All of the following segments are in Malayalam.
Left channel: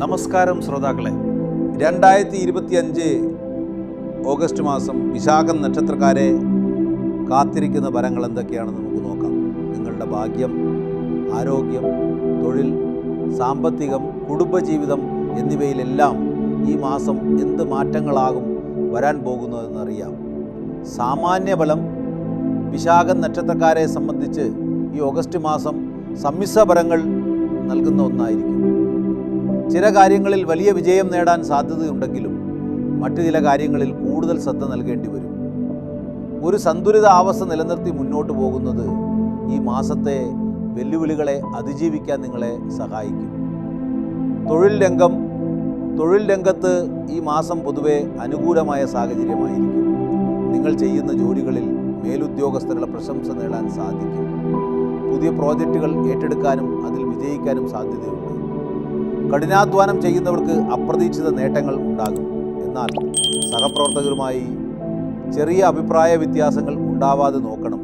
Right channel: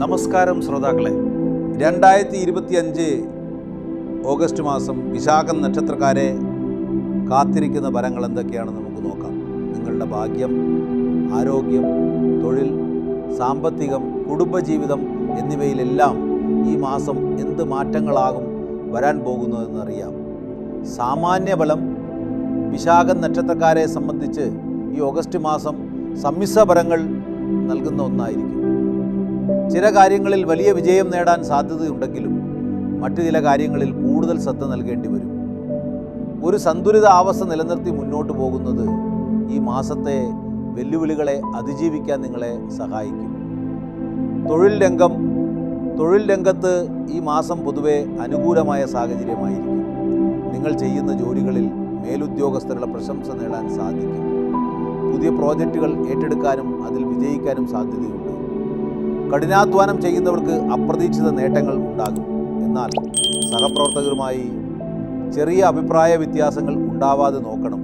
നമസ്കാരം ശ്രോതാക്കളെ, 2025 ഓഗസ്റ്റ് മാസം വിശാഖം നക്ഷത്രക്കാരെ കാത്തിരിക്കുന്ന ഫലങ്ങൾ എന്തൊക്കെയാണെന്ന് നമുക്ക് നോക്കാം. നിങ്ങളുടെ ഭാഗ്യം, ആരോഗ്യം, തൊഴിൽ, സാമ്പത്തികം, കുടുംബജീവിതം എന്നിവയിലെല്ലാം ഈ മാസം എന്ത് മാറ്റങ്ങളാകും വരാൻ പോകുന്നതെന്നറിയാം. സാമാന്യ ഫലം വിശാഖം നക്ഷത്രക്കാരെ സംബന്ധിച്ച് ഈ ഓഗസ്റ്റ് മാസം സമ്മിശ്ര ഫലങ്ങൾ നൽകുന്ന ഒന്നായിരിക്കും. ചില കാര്യങ്ങളിൽ വലിയ വിജയം നേടാൻ സാധ്യതയുണ്ടെങ്കിലും മറ്റു ചില കാര്യങ്ങളിൽ കൂടുതൽ ശ്രദ്ധ നൽകേണ്ടി വരും. ഒരു സന്തുലിത അവസ്ഥ നിലനിർത്തി മുന്നോട്ട് പോകുന്നത് ഈ മാസത്തെ വെല്ലുവിളികളെ അതിജീവിക്കാൻ നിങ്ങളെ സഹായിക്കും. തൊഴിൽ രംഗത്ത് ഈ മാസം പൊതുവെ അനുകൂലമായ സാഹചര്യമായിരിക്കും. നിങ്ങൾ ചെയ്യുന്ന ജോലികളിൽ മേലുദ്യോഗസ്ഥരുടെ പ്രശംസ നേടാൻ സാധിക്കും. പുതിയ പ്രോജക്റ്റുകൾ ഏറ്റെടുക്കാനും അതിൽ വിജയിക്കാനും സാധ്യതയുണ്ട്. കഠിനാധ്വാനം ചെയ്യുന്നവർക്ക് അപ്രതീക്ഷിത നേട്ടങ്ങൾ ഉണ്ടാകും. എന്നാൽ സഹപ്രവർത്തകരുമായി ചെറിയ അഭിപ്രായ വ്യത്യാസങ്ങൾ ഉണ്ടാവാതെ നോക്കണം.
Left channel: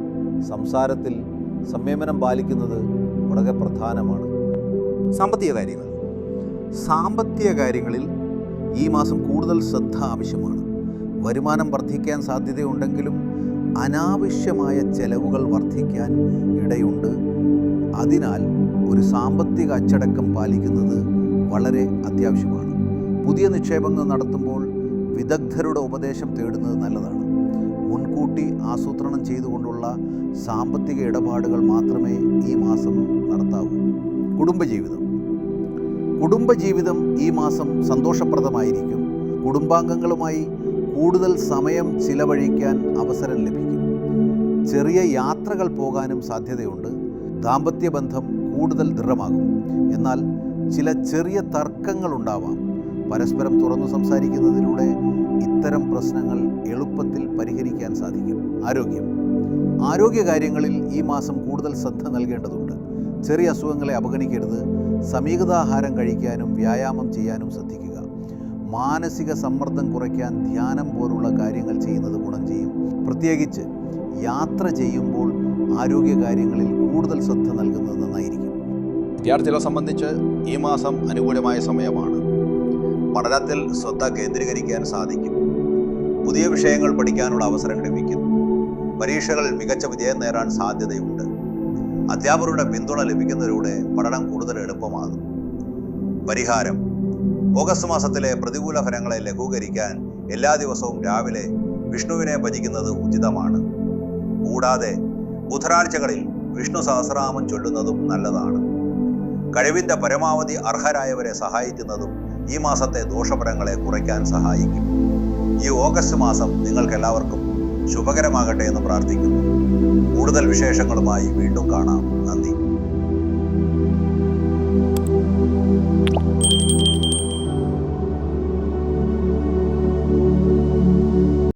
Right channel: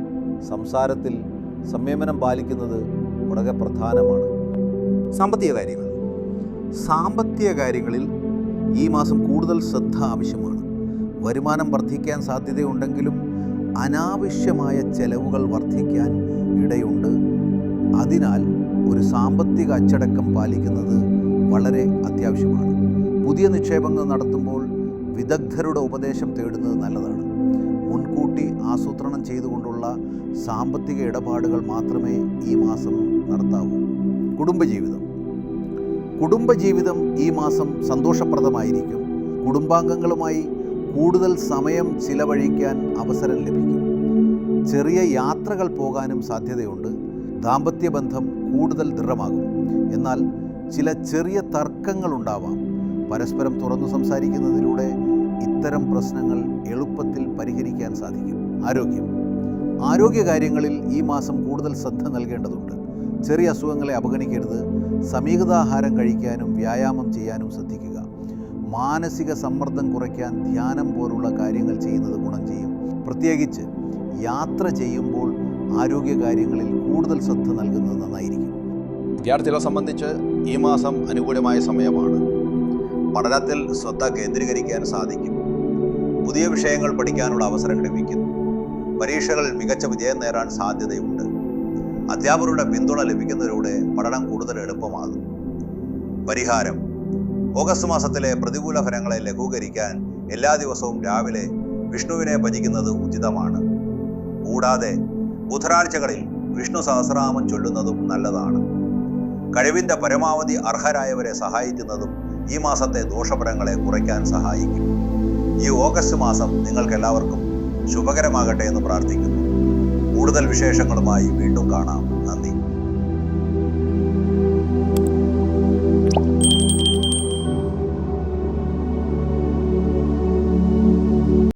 സംസാരത്തിൽ സംയമനം പാലിക്കുന്നത് വളരെ പ്രധാനമാണ്. സാമ്പത്തിക കാര്യങ്ങളിൽ ഈ മാസം കൂടുതൽ ശ്രദ്ധ ആവശ്യമാണ്. വരുമാനം വർദ്ധിക്കാൻ സാധ്യതയുണ്ടെങ്കിലും അനാവശ്യമായ ചെലവുകൾ വർദ്ധിക്കാൻ ഇടയുണ്ട്. അതിനാൽ ഒരു സാമ്പത്തിക അച്ചടക്കം പാലിക്കുന്നത് വളരെ അത്യാവശ്യമാണ്. പുതിയ നിക്ഷേപങ്ങൾ നടത്തുമ്പോൾ വിദഗ്ധരുടെ ഉപദേശം തേടുന്നത് നല്ലതാണ്. മുൻകൂട്ടി ആസൂത്രണം ചെയ്തുകൊണ്ടുള്ള സാമ്പത്തിക ഇടപാടുകൾ മാത്രമേ ഈ മാസം നടത്താവൂ. കുടുംബജീവിതം ഈ മാസം സന്തോഷപ്രദമായിരിക്കും. കുടുംബാംഗങ്ങളുമായി കൂടുതൽ സമയം ചിലവഴിക്കാൻ അവസരം ലഭിക്കും. ചെറിയ യാത്രകൾ പോകാനും സാധ്യതയുണ്ട്. ദാമ്പത്യബന്ധം കൂടുതൽ ദൃഢമാകും. എന്നാൽ ചില ചെറിയ തർക്കങ്ങളുണ്ടാവാം. പരസ്പരം തുറന്നു സംസാരിക്കുന്നതിലൂടെ ഇത്തരം പ്രശ്നങ്ങൾ എളുപ്പത്തിൽ പരിഹരിക്കാൻ സാധിക്കും. ആരോഗ്യകാര്യങ്ങളിൽ ഈ മാസം കൂടുതൽ ശ്രദ്ധ നൽകേണ്ടതുണ്ട്. ചെറിയ അസുഖങ്ങളെ അവഗണിക്കരുത്. സമീകൃതാഹാരം കഴിക്കാനും വ്യായാമം ചെയ്യാനും ശ്രദ്ധിക്കുക. മാനസിക സമ്മർദ്ദം കുറയ്ക്കാൻ ധ്യാനം പോലുള്ള കാര്യങ്ങൾ ചെയ്യുന്നത് ഗുണം ചെയ്യും. പ്രത്യേകിച്ച് യാത്ര ചെയ്യുമ്പോൾ ആരോഗ്യകാര്യങ്ങളിൽ കൂടുതൽ ശ്രദ്ധ നൽകുന്നത് നന്നായിരിക്കും. വിദ്യാർത്ഥികളെ സംബന്ധിച്ച് ഈ മാസം അനുകൂലമായ സമയമാണ്. പഠനത്തിൽ ശ്രദ്ധ കേന്ദ്രീകരിക്കാൻ സാധിക്കും. പുതിയ വിഷയങ്ങൾ പഠിക്കാനുള്ള അവസരം ലഭിക്കുന്നു. പരീക്ഷകളിൽ മികച്ച വിജയം നേടാൻ സാധ്യതയുണ്ട്. അധ്യാപകരുടെ പിന്തുണ ലഭിക്കുന്നതിലൂടെ പഠനം കൂടുതൽ എളുപ്പമാകും. പരിഹാരം: ഓഗസ്റ്റ് മാസത്തിലെ പ്രതികൂല ഫലങ്ങളെ ലഘൂകരിക്കാൻ എല്ലാ ദിവസവും രാവിലെ വിഷ്ണുവിനെ ഭജിക്കുന്നത് ഉചിതമാണ്. കൂടാതെ ബുധനാഴ്ചകളിൽ വിഷ്ണു സഹസ്രനാമം ചൊല്ലുന്നതും നല്ലതാണ്. കഴിവിൻ്റെ പരമാവധി അർഹരായവരെ സഹായിക്കുന്നതും ഈ മാസത്തെ ദോഷഫലങ്ങളെ കുറയ്ക്കാൻ സഹായിക്കും. ഈ ഓഗസ്റ്റ് മാസം നിങ്ങൾക്കെല്ലാവർക്കും ശുഭകരമാകട്ടെ എന്ന് പ്രാർത്ഥിക്കുന്നു. കൂടുതൽ വിശേഷങ്ങളുമായി വീണ്ടും കാണാം. നന്ദി.